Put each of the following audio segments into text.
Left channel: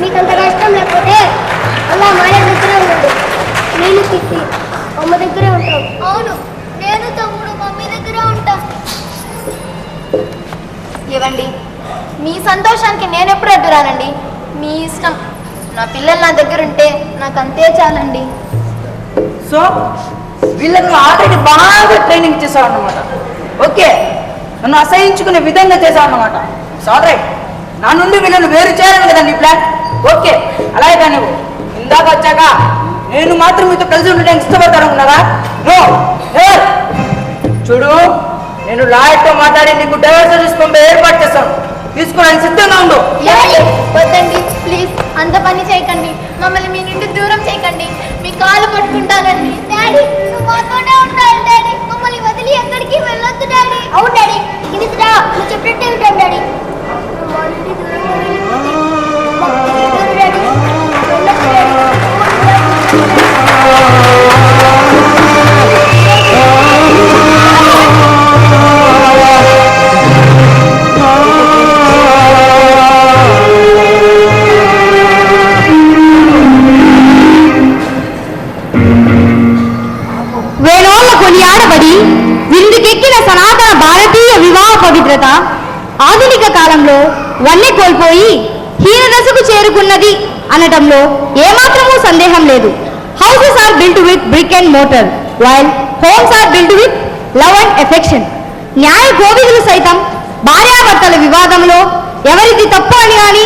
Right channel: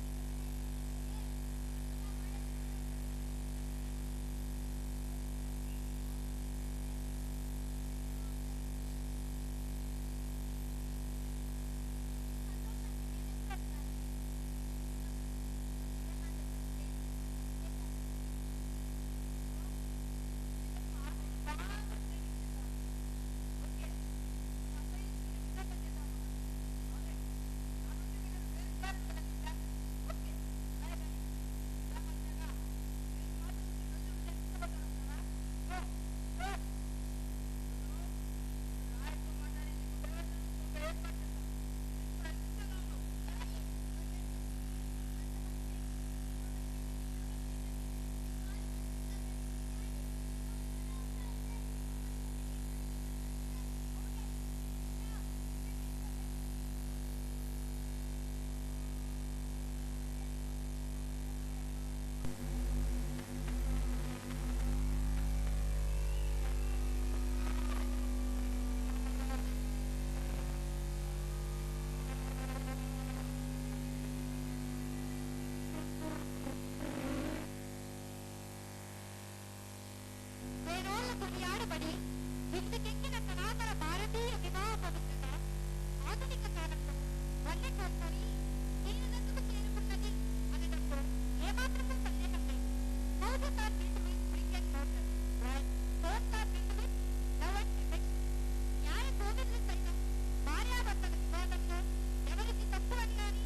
మీకు అంత కష్టం లేకపోతే అలా మాయ దగ్గరే ఉన్నాడు నేను తిప్పి అమ్మ దగ్గరే ఉంటాం. అవును నేను తమ్ముడు మమ్మీ దగ్గరే ఉంటాం. ఇవ్వండి మీ సంతోషానికి నేను ఎప్పుడు అడ్డురానండి? మీ ఇష్టం. నా పిల్లలు నా దగ్గర ఉంటే నాకు అంతే చాలండి. సో వీళ్ళని ఆల్రెడీ బాగా ట్రైనింగ్ చేసావు అన్నమాట ఓకే నన్ను అసహించుకునే విధంగా చేసావు అన్నమాట సారీ. నా నుండి వీళ్ళని వేరు చేయాలని కదా నీ ప్లాన్? ఓకే అలాగే కానీ నువ్వు. ఇందాక వచ్చాక నేను మాత్రం మీతో కలిసి ఉండడానికి ఇష్టపడతాను ఉన్నారా నో చూడు నేను లాయర్తో మాట్లాడి నీకు డైవర్స్ తీసుకొని ఏర్పాటు చేస్తాను. తీసుకోవడానికి సిద్ధంగా ఉండు? వద్దండి ప్లీజ్ అంత పని చేయకండి. మమ్మల్ని మీ నుండి దూరం చేయకండి. మీ కాలు పట్టుకుంటానండి. డాడీ నువ్వు మాతోనే ఉండాలి డాడీ. మమ్మల్ని వదిలి ఎక్కడికి వెళ్ళొద్దు డాడీ. అవును డాడీ. ఇది రా. నువ్వు చెప్పినట్టే డాడీ. మా నుండి దూరంగా వల్లే కోల్పోయి హీనదశకు చేరుకున్నది అనటంలో ఏమాత్రమూ సందేహం లేదు. Houses are built with brick and mortar while homes are built with love and affection న్యాయ గోవిధులు సైతం భార్యాభర్తల వివాదంలో ఎవరిది తప్పు అని కానీ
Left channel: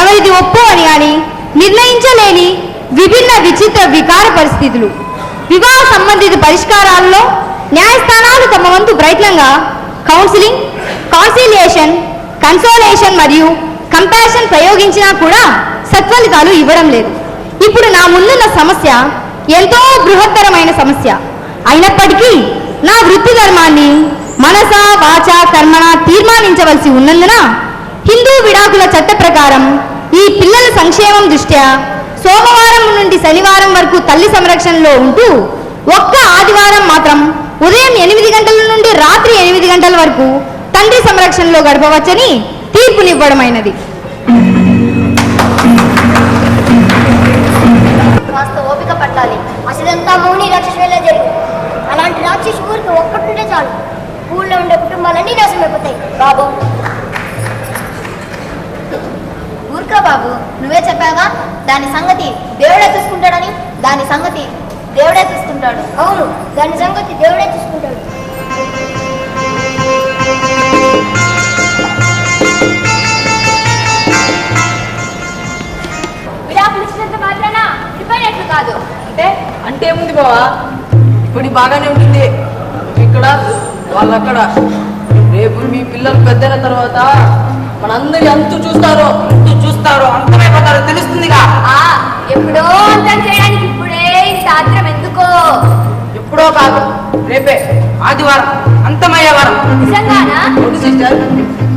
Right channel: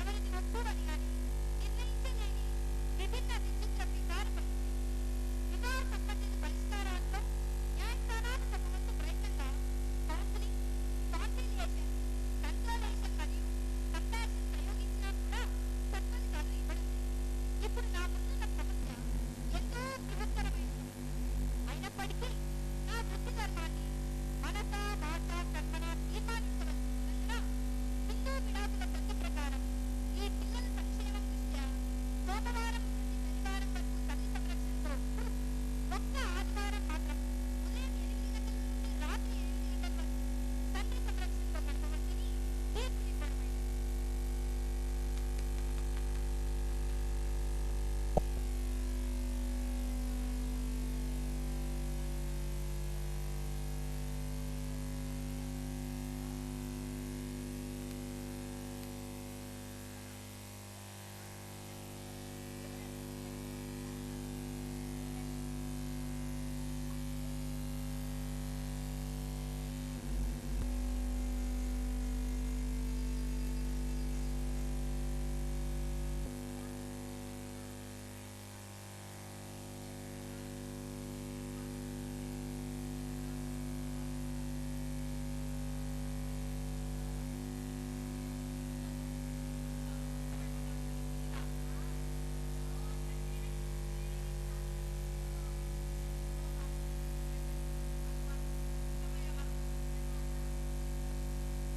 ఎవరిది ఒప్పు అని కానీ నిర్ణయించలేని విభిన్న విచిత్ర వికార పరిస్థితులు. వివాహ సంబంధిత పరిష్కారాల్లో న్యాయస్థానాలు తమ వంతు ప్రయత్నంగా కౌన్సిలింగ్ కాన్సిలియేషన్ కన్సోలేషన్ మరియు కంపాషన్ ప్రయోగించినా కూడా సత్ఫలితాలు ఇవ్వడం లేదు. ఇప్పుడు నా ముందున్న సమస్య ఎంతో బృహత్తరమైన సమస్య. అయినప్పటికీ నా వృత్తి ధర్మాన్ని మనస వాచ కర్మణ తీర్మానించవలసి ఉన్నందున హిందూ విడాకుల చట్ట ప్రకారం ఈ పిల్లల సంక్షేమం దృష్ట్యా సోమవారం నుండి శనివారం వరకు తల్లి సంరక్షణలో ఉంటూ ఒక్క ఆదివారం మాత్రం ఉదయం ఎనిమిది గంటల నుండి రాత్రి ఎనిమిది గంటల వరకు తండ్రి సంరక్షణలో గడపవచ్చని తీర్పునివ్వడమైనది. కాస్త ఓపిక పట్టాలి. అసలంతా మౌని రాక్షసులా జరిగింది అలాంటి రాక్షసు ఊరికి ఒక్కటుంటే చాలు. ఊళ్ళో ఉండే కుటుంబాలన్నీ నాశనం అయిపోతాయి బాబు. ఊరుకో బాబు. నువ్వే చెప్పాగా దాని సంగతి దేవుడే చూసుకుంటాడని? దాని సంగతి దేవుడే చూసుకుంటాడు. అవును దాని సంగతి దేవుడే చూసుకుంటాడు. కాదు. అంటే అంటే ఏముంది బావా? ఇప్పుడు బాగానే ఉంటుంది. ఇక్కడ వాళ్ళు అక్కడ రేపు మీ పిల్లలు పెద్దల తర్వాత మనందరి అంతు చూస్తారు అంతు చూస్తారు అంతమైపోతారు తెలుస్తుందిగా. ఆ ఎప్పుడో అంతం చేయడానికి ఇప్పుడే సాత్రం ఎందుకో? ఎప్పుడో కాదు రేపే ఆదివారం. అంతమయ్యే వారం నిజంగానా? అవును సిస్టర్.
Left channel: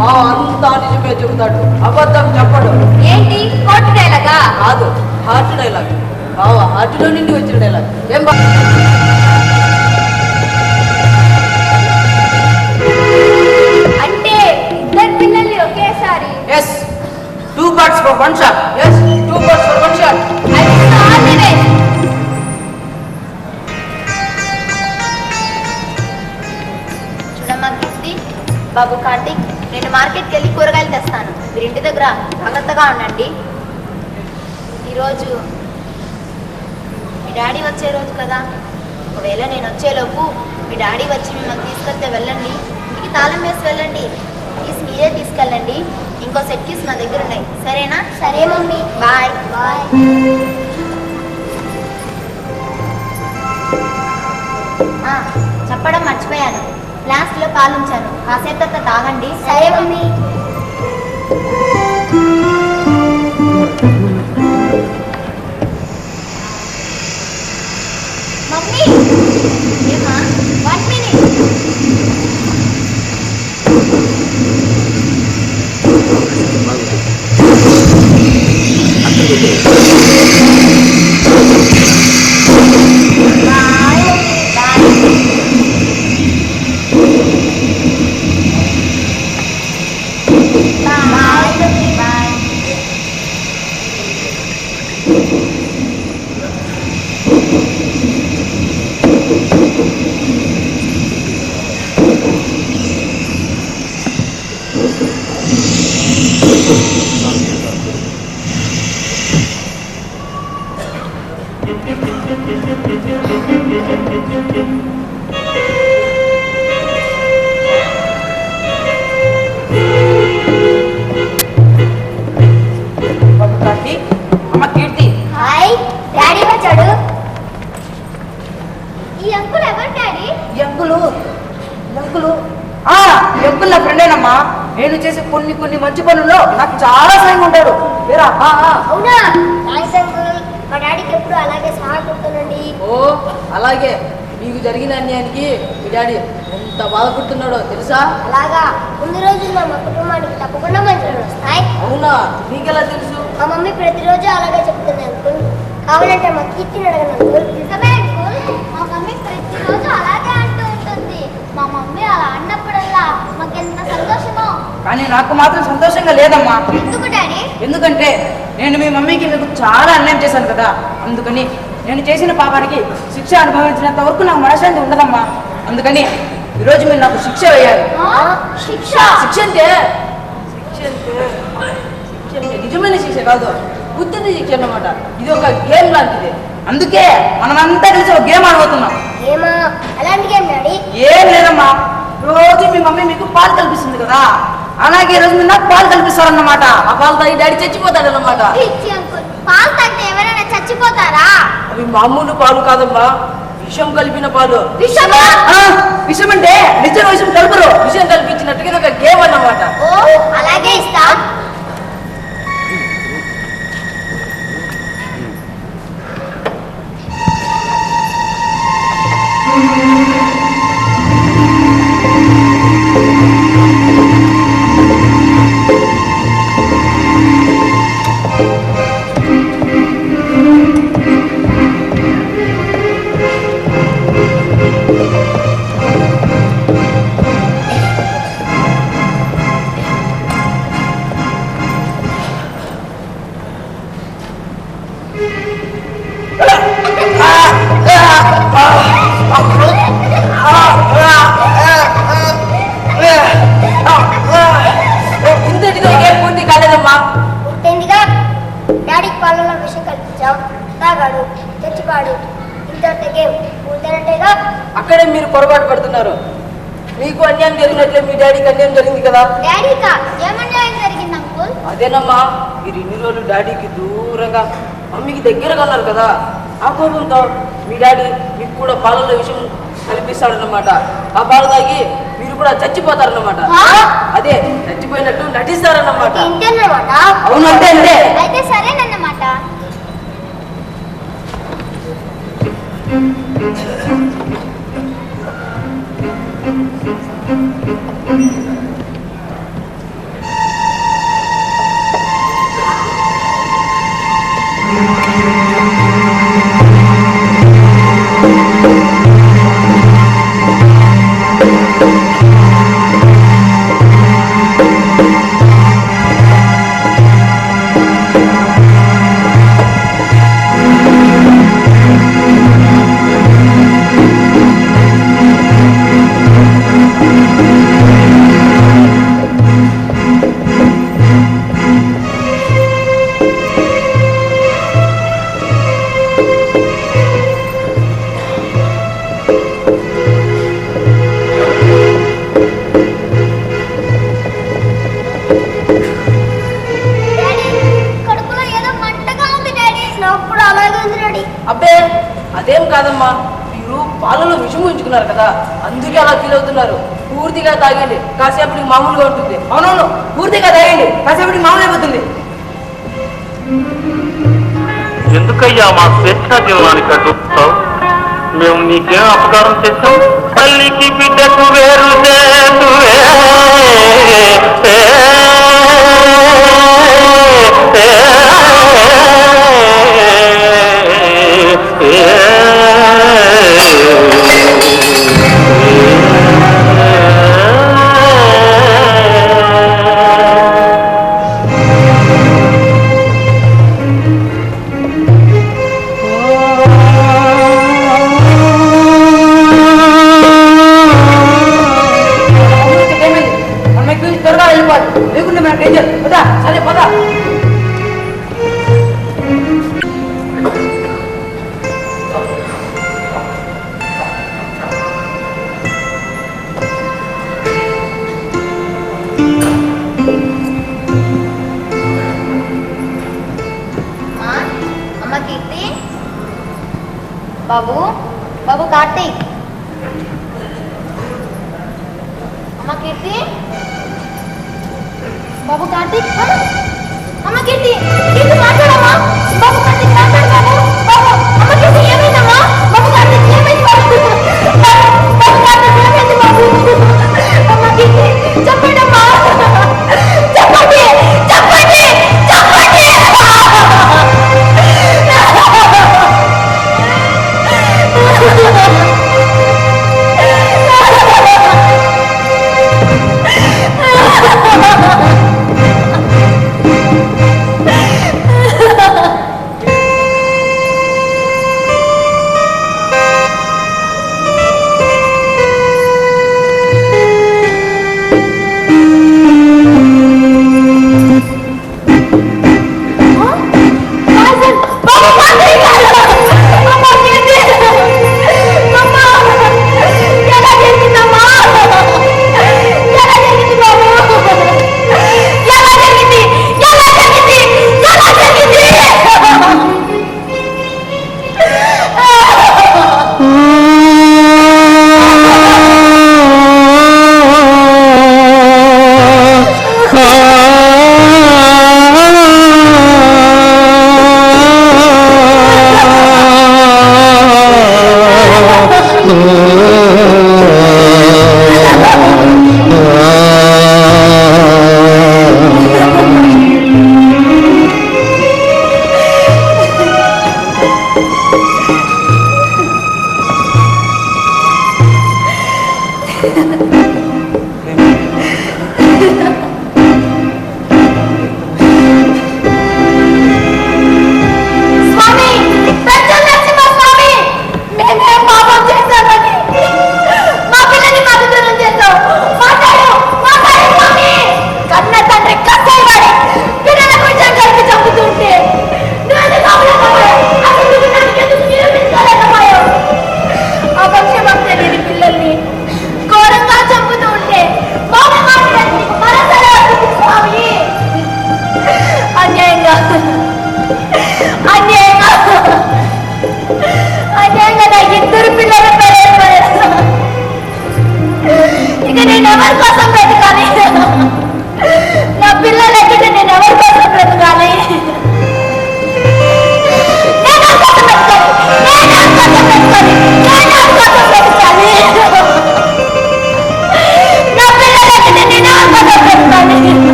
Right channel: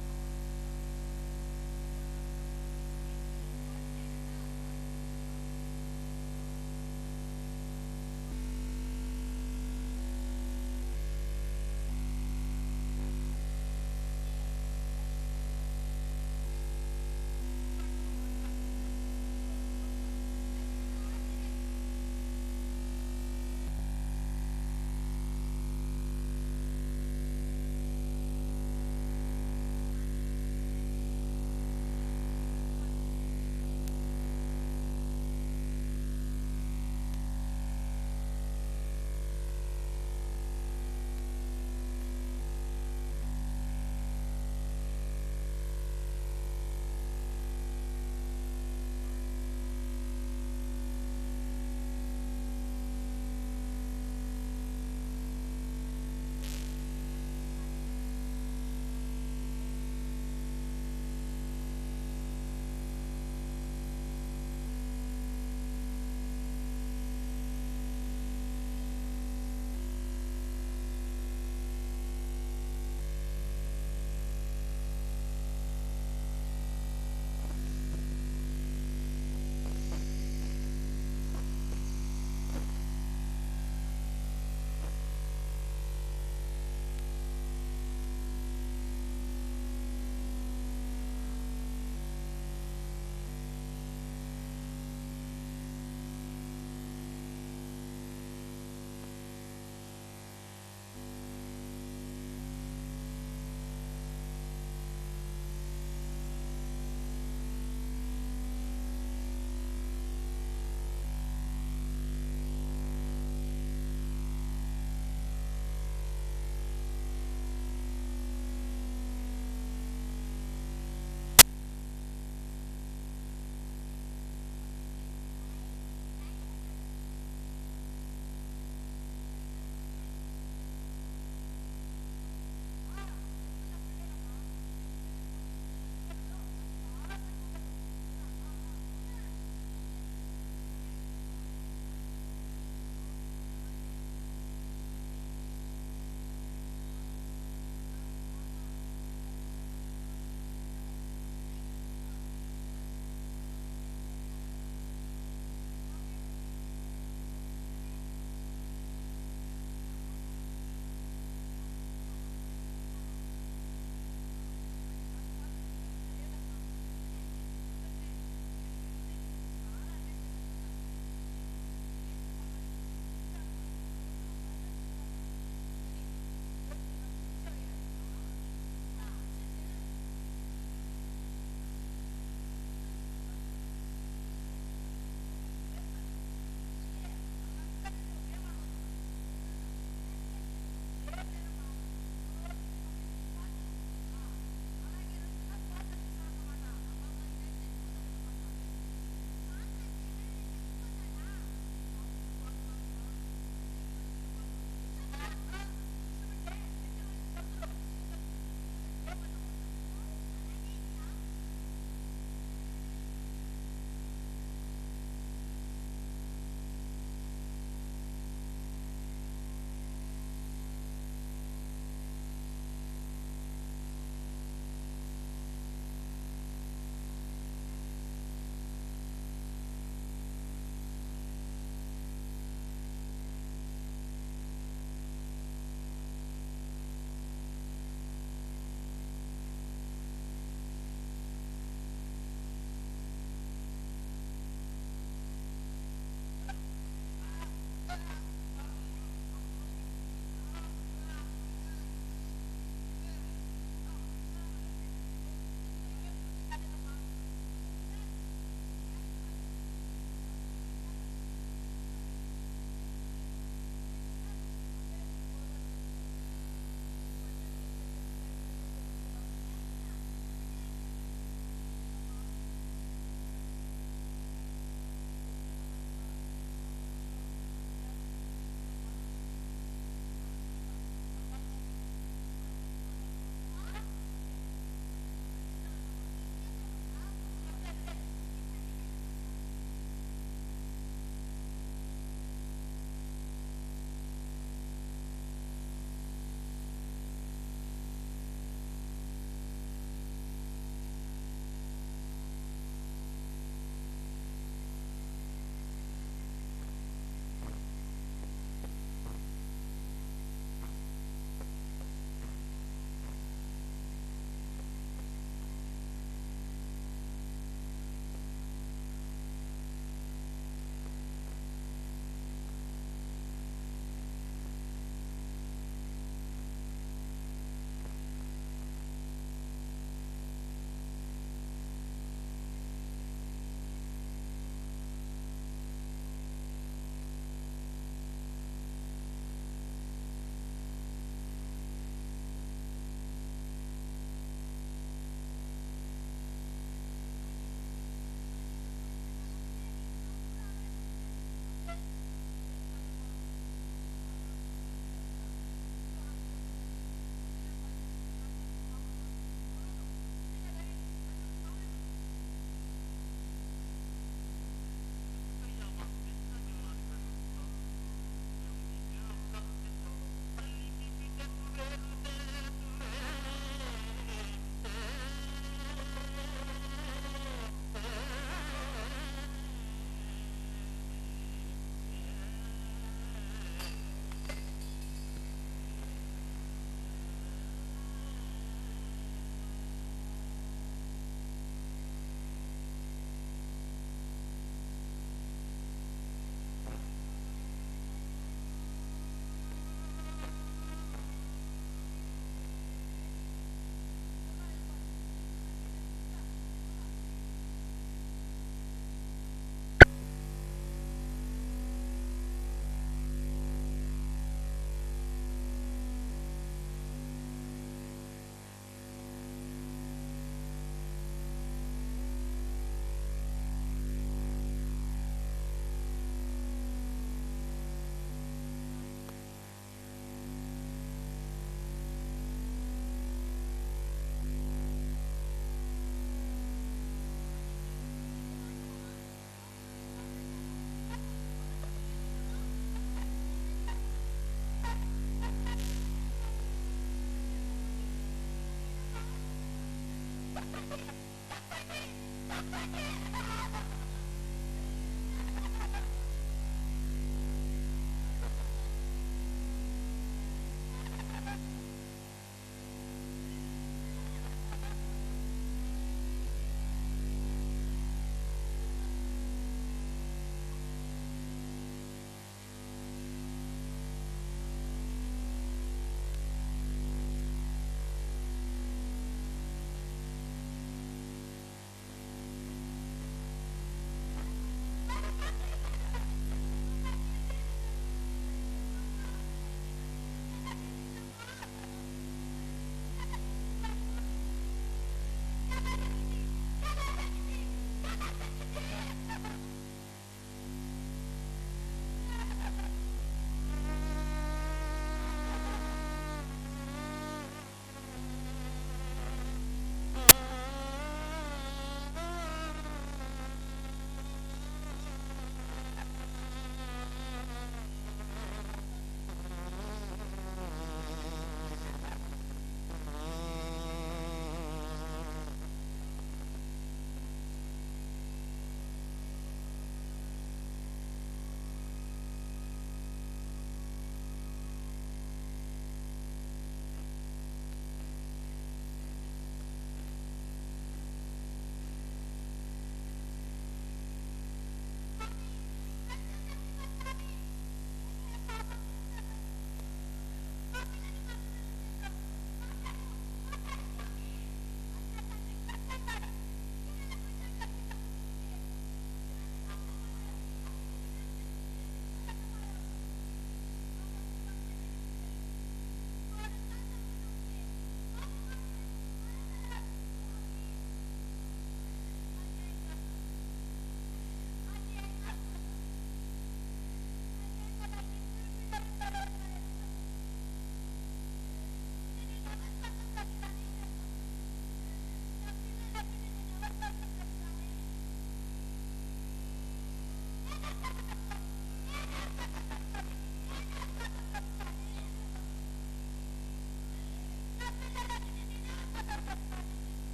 మా అంతా నిజమే చెబుతాడు. అబద్ధం చెప్పడు. ఏంటి? కోర్టు డైలాగా కాదు హార్ట్ డైలాగ్ బావ హార్ట్లో నుండి వచ్చిన డైలాగ్ ఏం బా అంటే ఇద్దరు పిల్లల్ని ఒకేసారి? Yes two birds for one shot మీరు జాగ్రత్తగా ఉండండి. ఈరోజు మీ డాడీ వచ్చే రోజు కదా. ఒకవేళ నేను వచ్చేలోపు మీ డాడీ వచ్చి మిమ్మల్ని తీసుకెళ్తే వెళ్ళండి. ఇంటికి తాళం వేసి వెళ్ళండి. ప్లీజ్ మీరే తీసుకెళ్ళండి. ఇంకో సెట్ కీస్ నా దగ్గర ఉన్నాయి. సరేనా? సరే మమ్మీ. బాయ్. బాయ్. ఆ, చెప్పడం మర్చిపోయాను. ఫ్లాస్క్లో పాలుంచాను. కాసేపు తర్వాత తాగండి. సరే మమ్మీ. చేసే కొన్ని కొన్ని మంచి పనుల్లో నాకు చాలా సాయం ఆ. అవునా? మా డాడీకి ఎప్పుడు అలాగే సహాయపడుతుందండి ఓ అలాగే. మీకు జరిగిన అన్యాయానికి మీ డాడీ ఎంత బాధపడుతున్నాడో తెలుసా? అలాగా. ముందు రోజుల్లో మా కుటుంబానికి తప్పకుండా మంచి రోజులు వస్తాయి. అవునా? నీకెలా తెలుసు? మా మమ్మీ ప్రతిరోజు అలాగే చెప్తుంది అంకుల్. కావాలంటే మా కీర్తిని అడగను? నాకు మాత్రం సంతోషంగా లేదమ్మా. ఎందుకు డాడీ? ఎందుకంటే నేను మీ మమ్మీకి మీకు చాలా అన్యాయం చేశాను కదా. అందుకని నేను చేసిన పాపానికి శిక్ష అనుభవించినంత వరకు నాకు మనశ్శాంతి ఉండదమ్మా. అందుకని ఈరోజు మీరు నాకు శిక్ష వేయాలి. శిక్ష? శిక్ష అంటే? నిజమైన శిక్ష కాదు. బుద్ధిని శిక్ష అన్నమాట. ఇది ఒక గేమ్ లాంటిది. అందుకే మనమంతా కలిసి ఒక గేమ్ ఆడబోతున్నాం. ఏం లేదమ్మా. రోజు మీ మమ్మీ మీకు పాలు కల్పిస్తుంది కదా. అలాగే ఈ రోజు మీరు నాకు పాలు కల్పిస్తారన్నమాట. ఆ పాలు తాగి డాడీ చచ్చిపోతాడన్నమాట. పిచ్చి అంకుల్? పాలు తాగితే ఎవరైనా చచ్చిపోతారా? అవి మామూలు పాలు కాదమ్మా విషం కలిపిన పాలు. విషమా? ఆ, విషయం అంటే నిజం విషయం కలుపురు. విషం కల్పించినట్టుగా ఇది ఒక గేమ్ అన్నమాట. ఓ అలాగే ఇస్తా. మీకు అన్యాయం జరిగినట్లే మీ డాడీకి అన్యాయం జరిగింది కదా? డాడీకా? ఏమన్యాయం జరిగింది అంకుల్? అదేనమ్మా మీరు ఇన్ని రోజులు డాడీకి దూరంగా మమ్మీకి దగ్గరగా ఉన్నారు కదా ఆ కోపంతో మీ డాడీ మీకు కూడా పాలలో విషయం కల్పిస్తాడన్నమాట. ఆ పాలు తాగి మీరు కూడా చచ్చిపోతారన్నమాట? అదే చచ్చిపోయినట్టు నటిస్తారన్నమాట. ఇంటన్నమాట అవును అంతే అంతే. అయితే సరేనన్నమాట. అందుకే అలా ఫీల్ అవుతున్నారు. పూర్తిగా తాగండి. కాసేపటికి మామూలుగా ఉంటుంది. అవునవును పూర్తిగా తాగండి. కాసేపటికి మామూలు అయిపోతుంది. ఎందుకయ్యా మా స్వేచ్ఛా జీవనానికి అడ్డుతావు మేము నీకేం అపకారం చేశాం? తల్లికి బిడ్డకు వేరు చేతువే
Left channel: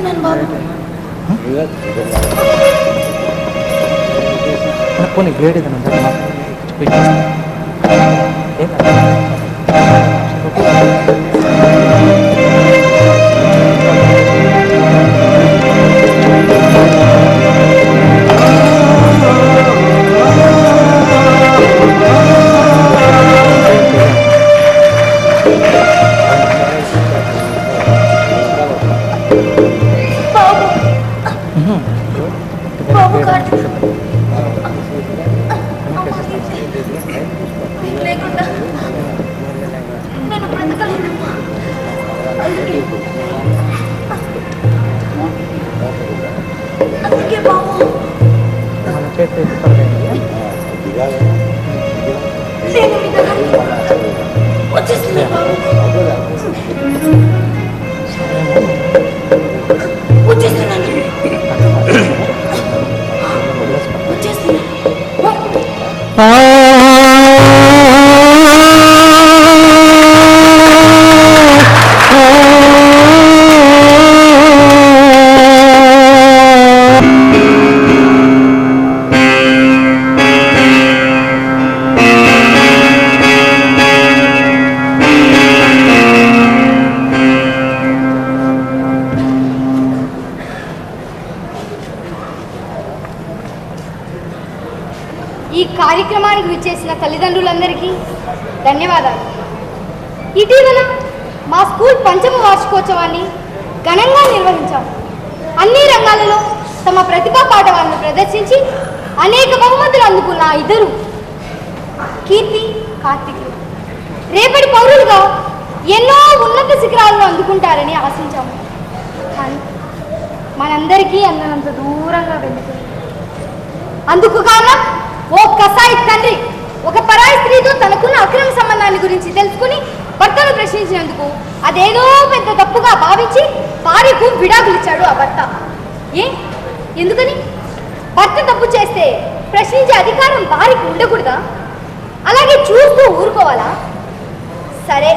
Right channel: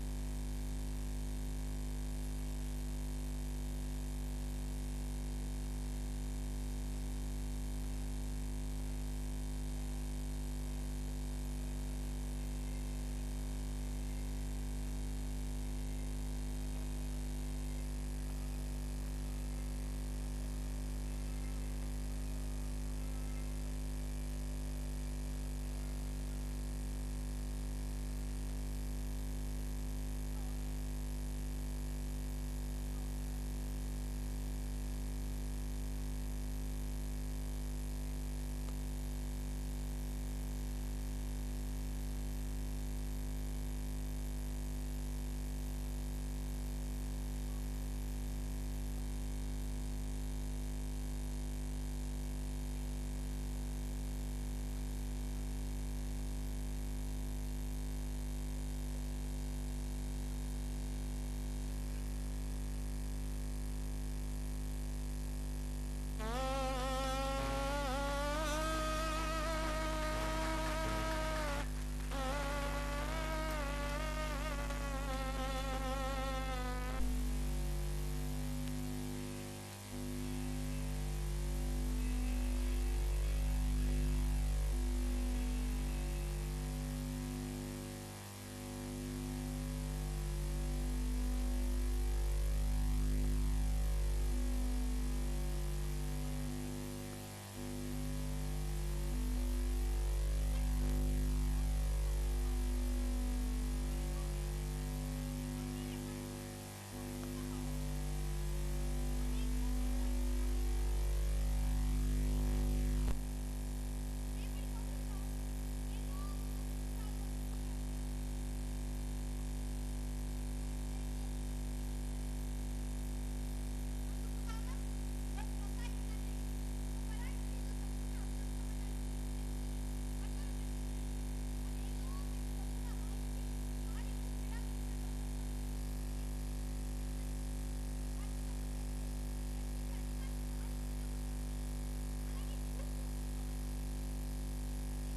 వచ్చేస్తున్నాను బాబు. పోనీ గ్రేడ్ ఏదైనా బాబు బాబు ఈ ధన్యవాదాలు. ఇటీవల మా స్కూల్ పంచమ వార్షికోత్సవాన్ని ఘనంగా నిర్వహించాం. అన్ని రంగాలలో తమ ప్రతిభా పాఠవాలను ప్రదర్శించి అనేక బహుమతులు అందుకున్న ఇద్దరు కీర్తి కార్తికులు రేపటి పౌరులుగా ఎన్నో ఉన్నత శిఖరాలను అందుకుంటారని ఆశించాము కానీ మనందరికీ అందనంత దూరంగా వెళ్ళిపోయింది అందుకు కారణం ఓ కసాయి తండ్రి. ఒక పరాయి స్త్రీతో తనకున్న అక్రమ సంబంధాన్ని గురించి తెలుసుకుని భర్తను ప్రశ్నించినందుకు అదేదో పెద్ద తప్పుగా భావించి భార్యకు విడాకులు ఇచ్చాడు ఆ భర్త. ఏ? ఎందుకని? భర్త తప్పు చేస్తే ప్రశ్నించే అధికారం భార్యకు ఉండకూడదా? అలాగే చూస్తూ ఊరుకోవాలా? సరే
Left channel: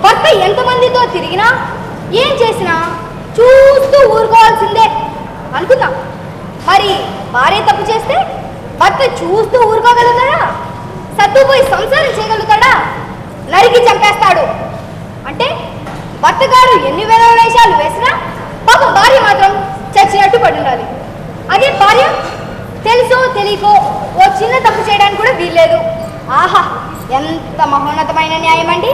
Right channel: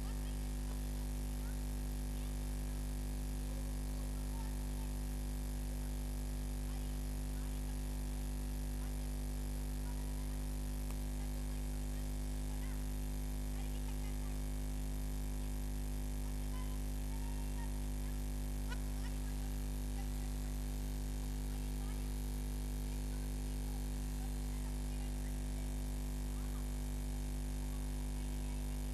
భర్త ఎంతమందితో తిరిగినా ఏం చేసినా చూస్తూ ఊరుకోవాల్సిందే అనుకుందాం. మరి భార్య తప్పు చేస్తే భర్త చూస్తూ ఊరుకోగలుగుతారా సర్దుపోయి సంసారం చేయగలుగుతాడా? నరికి చంపేస్తాడు. అంటే భర్తగారు ఎన్ని వేల వేషాలు వేసినా పాపం భార్య మాత్రం చచ్చినట్టు పడి ఉండాలి అదే భార్య తెలుసో తెలియకో ఓ చిన్న తప్పు చేయడానికి కూడా వీల్లేదు. ఆహా ఎంత మహోన్నతమైన న్యాయం అండి.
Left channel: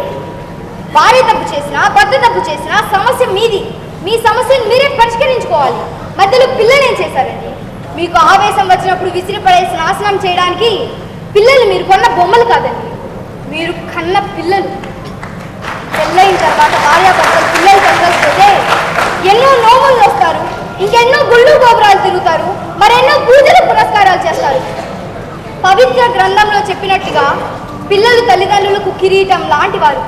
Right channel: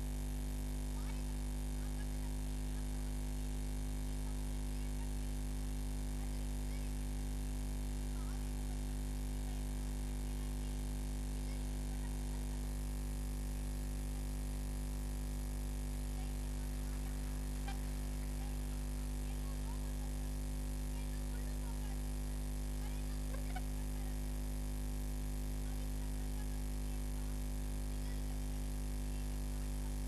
భార్య తప్పు చేసినా భర్త తప్పు చేసినా సమస్య మీది. మీ సమస్యను మీరే పరిష్కరించుకోవాలి. మధ్యలో పిల్లలు ఏం చేశారండి? మీకు ఆవేశం వచ్చినప్పుడు విసిరిపడేసి నాశనం చేయడానికి పిల్లలు మీరు కొన్న బొమ్మలు కాదండి. మీరు కన్న పిల్లలు. పెళ్ళైన తర్వాత భార్యాభర్తలు పిల్లలు కలగకపోతే ఎన్నో నోములు వస్తారు ఇంకెన్నో గుళ్ళు గోపురాలు తిరుగుతారు మరెన్నో పూజలు పురస్కారాలు చేస్తారు. పవిత్ర గ్రంథంలో చెప్పినట్టుగా పిల్లలు తల్లిదండ్రులకు కిరీటం లాంటి వారు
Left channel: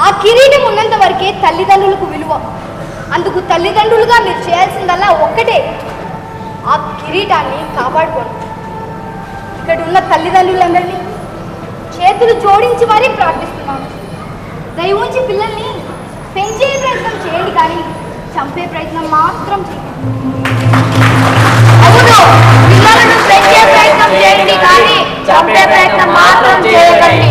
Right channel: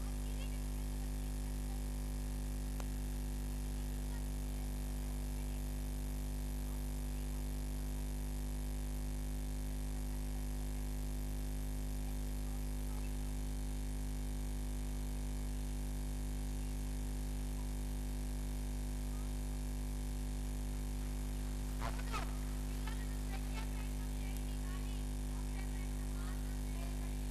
ఆ కిరీటం ఉన్నంత వరకే తల్లిదండ్రులకు విలువ. అందుకు తల్లిదండ్రులుగా మీరు చేయాల్సిందల్లా ఒక్కటే. ఆ కిరీటాన్ని కాపాడుకోండి. ఇక్కడ ఉన్న తల్లిదండ్రులందరినీ చేతులు జోడించి మరీ ప్రార్థిస్తున్నాను దయవుంచి పిల్లల్ని పెంచే ప్రయత్నం చేయండి కానీ చంపే ప్రయత్నం మాత్రం చేయండి. అవును పిల్లలను పెంచే ప్రయత్నం చేయండి కానీ చంపే ప్రయత్నం మాత్రం చేయకండి.